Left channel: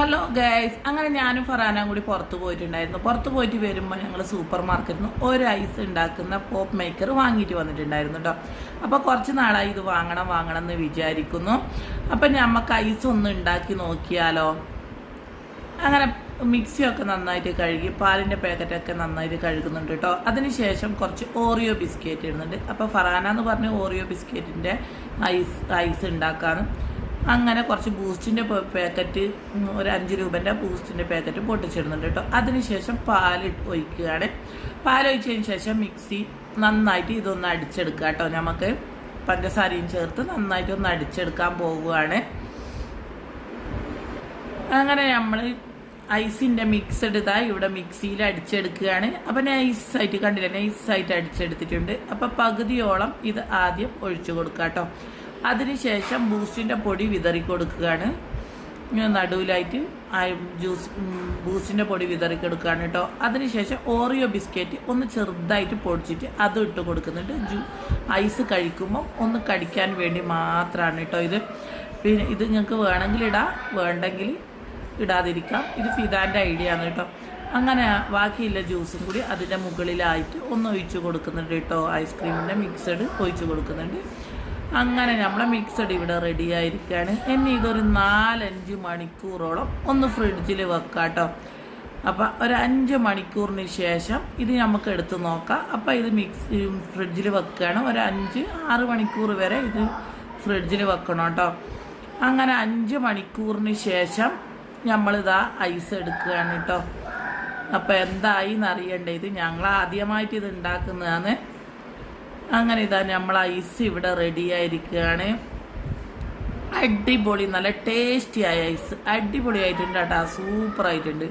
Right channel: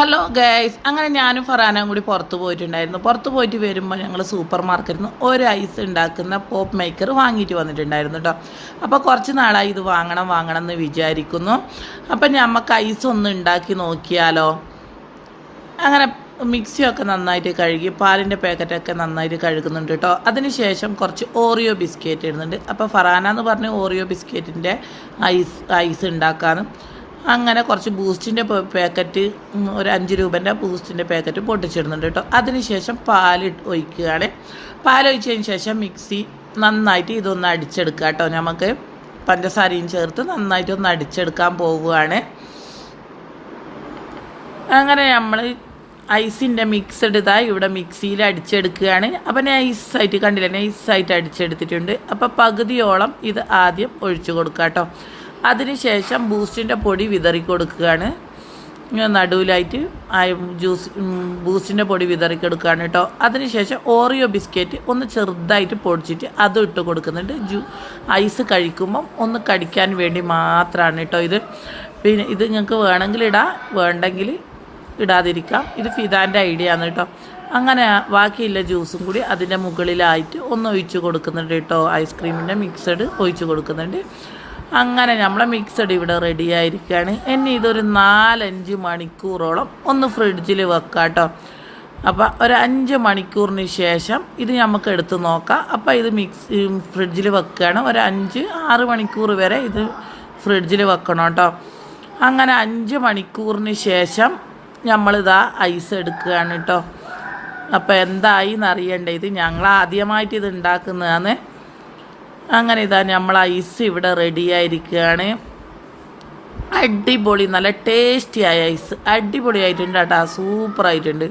Hello guys അങ്ങനെ ഞാനും ഫറാനും കൂടി പുറത്ത് പോയിട്ടുണ്ടായിരുന്നു. പുറത്ത് പോയിട്ട് വരുമ്പോൾ ഞങ്ങൾ സൂപ്പർ മാർക്കറ്റിൽ നിന്ന് ഒരു ഐസ് ഉണ്ടാക്കുന്ന പോപ്പ് മേക്കർ വാങ്ങിയിട്ട് വന്നിട്ടുണ്ടായിരുന്നു കേട്ടോ അപ്പോൾ കുറച്ച് നാളായി ഇത് വാങ്ങണം വാങ്ങണം എന്ന് വിചാരിക്കുന്നു. അപ്പം നമുക്ക് ഐസ് ഒന്ന് ഉണ്ടാക്കി നോക്കിയാലോ? അങ്ങനെ മിക്സിയൊക്കെ നന്നായിട്ട് കഴുകി പാലിന്റെ പാക്കറ്റൊക്കെ നന്നായിട്ട് കഴുകുന്നുണ്ട് കേട്ടോ അതിനുശേഷം കുറച്ച് ഓറിയോ ബിസ്ക്കറ്റ് ഇടുന്നുണ്ട്. അപ്പോൾ ഫറാന എന്ന് പറഞ്ഞ ഓറിയോ ബിസ്ക്കറ്റിന്റെ ഐസ് ഐസ് ഉണ്ടാക്കാനും അങ്ങനെ കുറച്ച് ബൂസ്റ്റിന്റെ പാക്കറ്റ് ഒരു അഞ്ച് രൂപേന്റെ ബൂസ്റ്റിന്റെ പാക്കറ്റ് പൊട്ടിച്ചിടുന്നുണ്ട് കേട്ടോ. അതിനുശേഷം പാൽ ഇട്ട് ഒഴിക്കുകയാണ്. പാൽ ഒഴിച്ചതിന് ശേഷം മിക്സി നന്നായിട്ട് ഇതൊന്ന് അടിച്ചെടുക്കുക കേട്ടോ നമുക്ക്. പഞ്ചസാരയും ചേർത്ത് നന്നായിട്ട് ഒന്ന് അടിച്ചെടുക്കാൻ പോവുകയാണ്. അങ്ങനെ നമ്മൾ ഐസിന്റെ മിക്സഡ് ഇതാ ഇവിടെ മിക്സിയിൽ അടിച്ചെടുക്കുകയാണ്. അപ്പം നൈസായിട്ട് കണ്ടില്ല? നൈസായിട്ട് അടിച്ചെടുത്തിട്ടുണ്ട്. അപ്പോൾ പകുതിയോളം ഇത് ആദ്യം ഒഴിച്ചു കൊടുക്കാം കേട്ടോ. അതിനുശേഷം ബൂസ്റ്റിന്റെ പൊടി വിതറി കൊടുക്കുകയാണ്. നടുവിലായിട്ട് ആ ജ്യൂസ് ബൂസ്റ്റിന്റെ പൊടി വിതറി കൊടുക്കുകയാണ് കേട്ടോ. അതിനുശേഷം ഓറിയോ ബിസ്ക്കറ്റ് ഒന്ന് ചെറുതായിട്ട് പൊടിച്ചിട്ട് അതും ഇട്ട് കൊടുക്കുന്നുണ്ട്. ജ്യൂ ഐസ് കഴിക്കുമ്പം ഒന്ന് കടിക്കാൻ വേണ്ടി മാത്രമാണ് കേട്ടോ ഇത്. പിന്നെ ഇത് നിങ്ങൾക്ക് വേണമെങ്കിൽ ഇടാം വേണ്ടെങ്കിൽ ഇടാതിരിക്കാം. ഇത് ഫിദാന്റെ ഐഡിയ ആണ് കേട്ടോ. അങ്ങനെ ബാക്കിയുള്ള ജ്യൂസും കൂടി അതിന്റെ മുകളിലായിട്ട് ഒന്ന് ഒഴിച്ച് കൊടുക്കുന്നുണ്ട് കേട്ടോ. ഐസ്ക്രീമിന്റെ മിക്സഡ് ഒഴിച്ച് കൊടുക്കുന്നുണ്ട്. അങ്ങനെ നമ്മളെ മിക്സഡ് ഇവിടെ റെഡി ആയിരിക്കുകയാണ് ഇനി ഇതൊരു നാലഞ്ച് മണിക്കൂറോളം ഒന്ന് ഫ്രിഡ്ജിൽ വെക്കാം കേട്ടോ അപ്പോൾ ഒരു അഞ്ച് മണിക്കൂറിന് ശേഷം ഇത് നമുക്ക് എടുത്ത് നോക്കാം. അപ്പോൾ ഇത് മിക്സ് ഫ്രിഡ്ജിൽ വെക്കുകയാണ് ഒരു അഞ്ച് ആറ് മണിക്കൂർ വരെ ഇത് ഫ്രിഡ്ജിൽ വെക്കണം കേട്ടോ അങ്ങനെ അഞ്ച് മണിക്കൂറിന് ശേഷം നമ്മളിതാ ഐസ് എടുക്കുകയാണ് കേട്ടോ അപ്പോൾ എന്തായി എന്നറിയണ്ടേ ഇത് ഞങ്ങൾ ആദ്യമായിട്ട് ഇത് ഉണ്ടാക്കുന്നതാണ്. അങ്ങനെ ഇതാ നമ്മൾ ഐസ് ഇവിടെ റെഡി ആയിരിക്കുകയാണ്. അടിപൊളി നല്ല ടേസ്റ്റി ആയ ഐസ്. അടിപൊളി ആയിട്ടുണ്ട് കേട്ടോ സൂപ്പർ ആയിട്ടുണ്ട്